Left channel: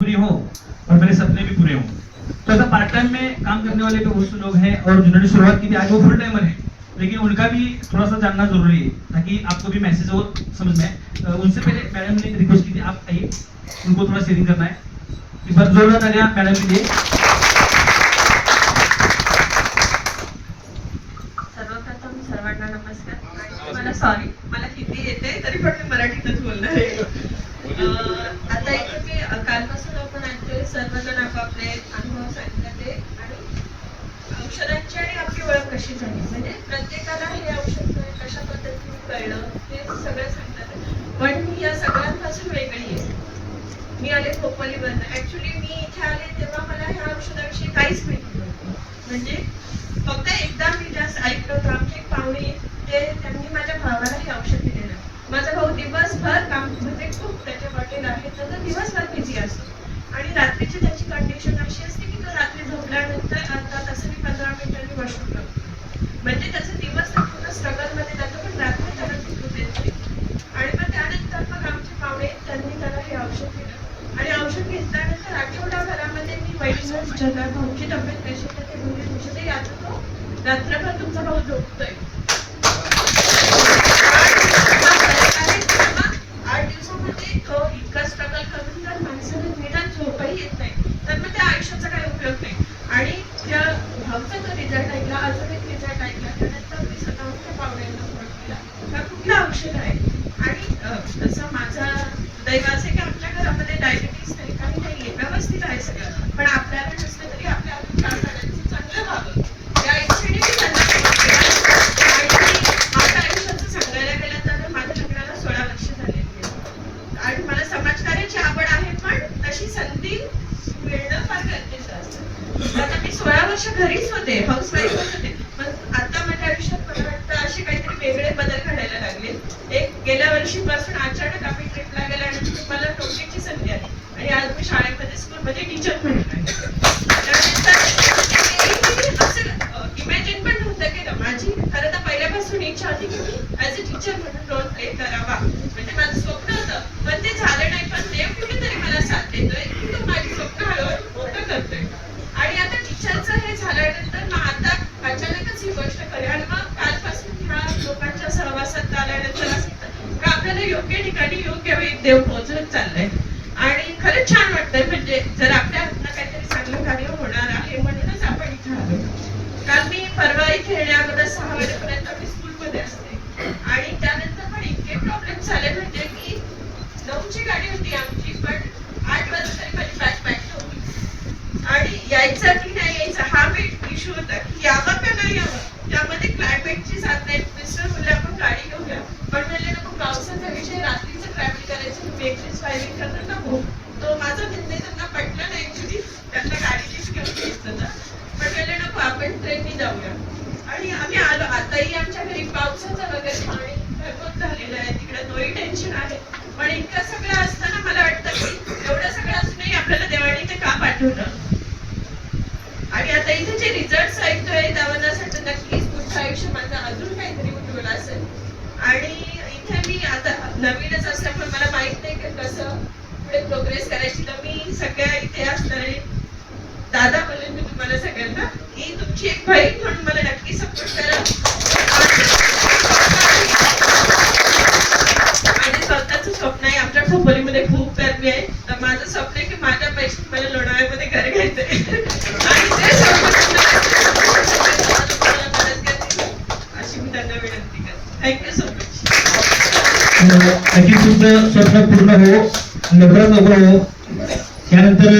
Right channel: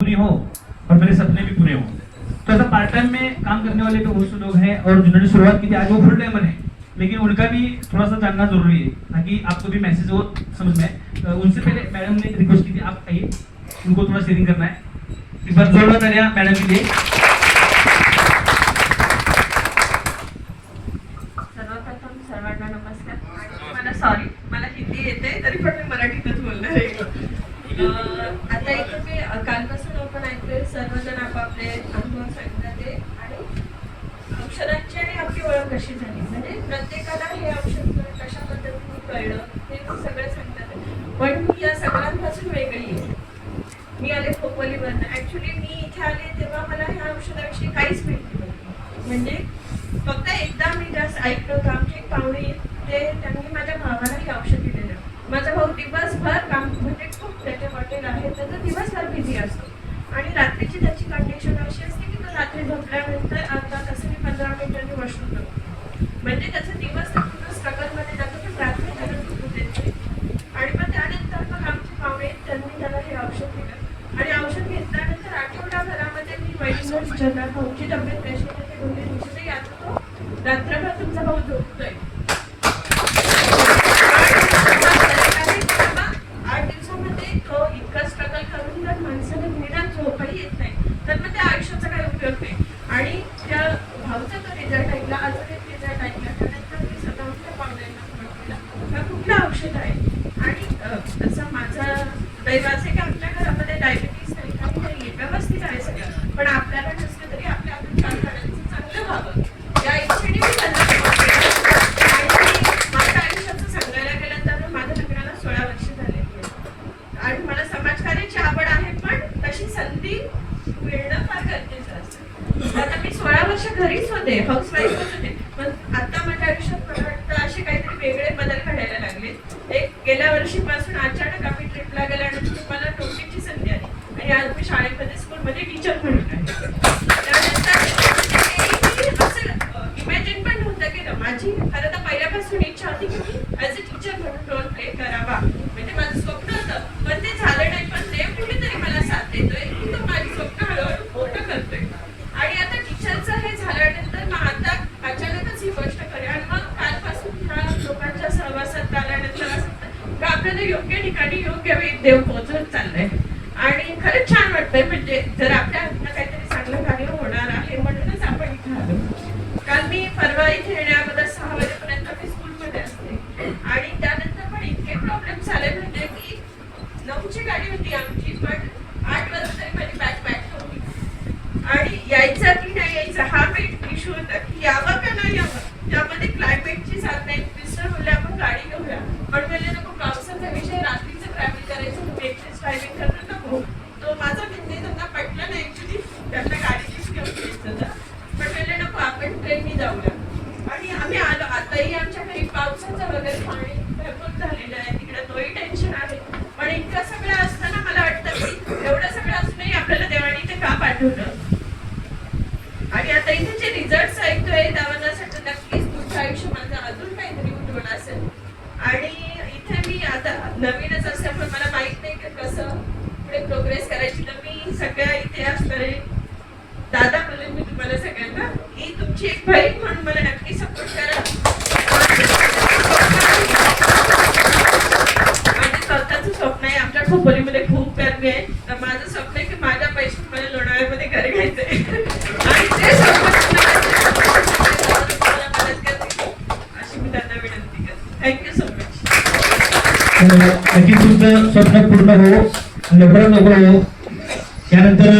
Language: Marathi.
पूरी हो और मेरे सपने भी पूरे हों। तो ऐसा पार्ट टाइम में काम करने वाले जो बहुत लोग हैं और जिन्होंने शुरुआत की थी, आज वो फुल टाइमर है। लेकिन उनका भी थोड़ा सा जानना ज़रूरी है, ताकि आपको भी मैसेज हो, समझ में उनसे पहले मैडम ने रिक्वेस्ट की थी, आप आइए, उनको थोड़ा शेयरिंग करना है। एक बार जोरदार आप मैडम के लिए। सॉरी मला हिंदी येते तरी पण मराठीतच बोलणार आहे. कशी झाली? म्हणजे प्रत्येकाला हे औषध कशा पद्धतीने कळलं हे सगळं सांगतात. पण मी या सगळ्यांपासून वेगळी आहे. मी आले खोपोलीवरनं. ऍक्च्युली मी इथे आले तेव्हा मला ह्या औषधाविषयी काहीच माहिती नव्हतं. म्हणजे फक्त एकदा मी जास्त ऐकलं होतं. आमचे पाहुणे ते त्यांनी माझ्या भावाला हे औषध दिलेलं. माझा भाऊ दिवसभर काम म्हणजे खूप त्याच्या हॉटेल आहे. तर तो दिवसभर बिझी असतो. आणि रात्रीची त्याची कंडिशन अशी असते की तो रात्री झोपल्यानंतर अर्धा तासाने पंधरा मिनिटांनी वॉशरूम करतो म्हणजे त्याचे दिवस तर पूर्ण स्ट्रगलमध्ये जातो पण रात्री त्याला झोपू देत नाही. आणि मग त्यानंतर मग आमचे पाहुणे आहेत, त्यांनी त्याला हे औषध दिलं आणि औषध घेतल्यानंतर आठवडाभरामध्ये मी पहिल्यांदा भाऊची तब्येत कशी दोन्ही दिवशी आता तो रात्रभर तुमचा भाऊ झोपतोय. आठ दिवसामध्ये तो इतका स्ट्रगल करून जर माणसाला निदान झोपही येत नाही तर मग त्या आयुष्याचा काही उपयोग नाही. आणि त्या भाऊचा तो रिझल्ट ऐकला अजून एक रिझल्ट ऐकला त्यानंतर मी कुठलं औषध आहे? आणि तसं माझा दैवाचे असं आहे की आमच्या घरामध्ये डायबिटीस नाही काही नाहीये व्यवस्थित आहे सगळं पण आपल्याला नसलं तरी आपल्या अजून चार जणांचं चांगलं व्हावं या इच्छेने मी त्यांना सांगितलं. आणि माझ्या आयुष्याचं सांगायला गेलं तर माझ्या लग्नाला सोळा वर्ष झाले आणि मला समाजकार्याची आवड आहे पण तशी संधी मिळणं फार गरजेचं असतं आता मी सोळा वर्ष घरीच होते हाऊस वाईफ होते. पण आता माझ्या आयुष्यात वाटतं असे काहीतरी वेगळे बदल घडायला लागले. एक गेल्या वर्षीपासून अचानक आम्ही ट्रिपला गेल्यानंतर मला नोकरीची संधी आली. आणि आज मी शाळेमध्ये स्कूलमध्ये टीचर म्हणून आहे. इमॅजिन पण नव्हतं केलं माझी खरं तर पहिल्यापासून इच्छा होती की मी ॲज अ टीचर म्हणून रोल प्ले करावा. म्हणजे माझं स्वप्न होतं. पण ते झालं नाही पण देव कुठेतरी मला साथ देतोय की तो माझी स्वप्न हळूहळू मोठं करतोय आणि आता टीचरचं हे झाल्यानंतर मग आता अचानकच ही गोष्ट करी आणि मग कालपासून ह्या लोकांच्या सहवासात आल्यानंतर असं म्हणजे योग्य ठिकाणी योग्य वेग देव पोहोचवत चाललंय. आणि खरंच छान वाटतंय म्हणजे जर आपल्या हातनं काहीतरी चांगलं कार्य होणार आहे म्हणूनच आपण इथे आलो. कारण मी परवा इथे येण्याअगोदर सहा वाजेपर्यंत मी स्कूलमध्ये असते. आणि त्यानंतर पण इतके प्रॉब्लेम झाले म्हणजे की नऊची गाडी होती आमची पण आठ वाजता तरी माझी बॅग पॅक होती. आणि यायचं की नाही यायचं हा वेट इश्यू होता की यावं का नाही यावं? त्यामध्ये क्लायमेटची साधना आम्ही आलो. आताही आमच्या घरी पावसाचं वगैरे पाणी भरपूर झालेलं आहे. तिकडे तोही टेन्शन आहे. पण इतकं सगळं असताना मला वाटतं की एवढं सगळं असूनही आपल्याला देवाने ते का पाठवलं? आणि आता इथे जे रिझल्ट ऐकतोय त्यावर नक्कीच पुढचं आयुष्य माझं अजून काहीतरी उठवलं असेल. आणि इथे मी आता नवीनच असल्यामुळे मला माहीत नाही की कसं पुढे प्रोग्रेस करायची. तर मी सगळ्या इथे असणारे दादा म्हणून मी तुम्हाला सगळ्यांना ही तुमची एक बहीण म्हणून मला माझं स्वतःचं स्वप्न आहे. आमच्या खोपोलीमध्ये खूप गर्मी आहे. तर माझं स्वप्न आहे की माझ्या पैसे मला लोणावळ्यामध्ये घर घ्यायचंय. अशी मी त्यांना विनंती करते थँक्यू सो मच तुमचं स्वप्न पूर्ण हो लवकरात लवकर हो त्यानंतर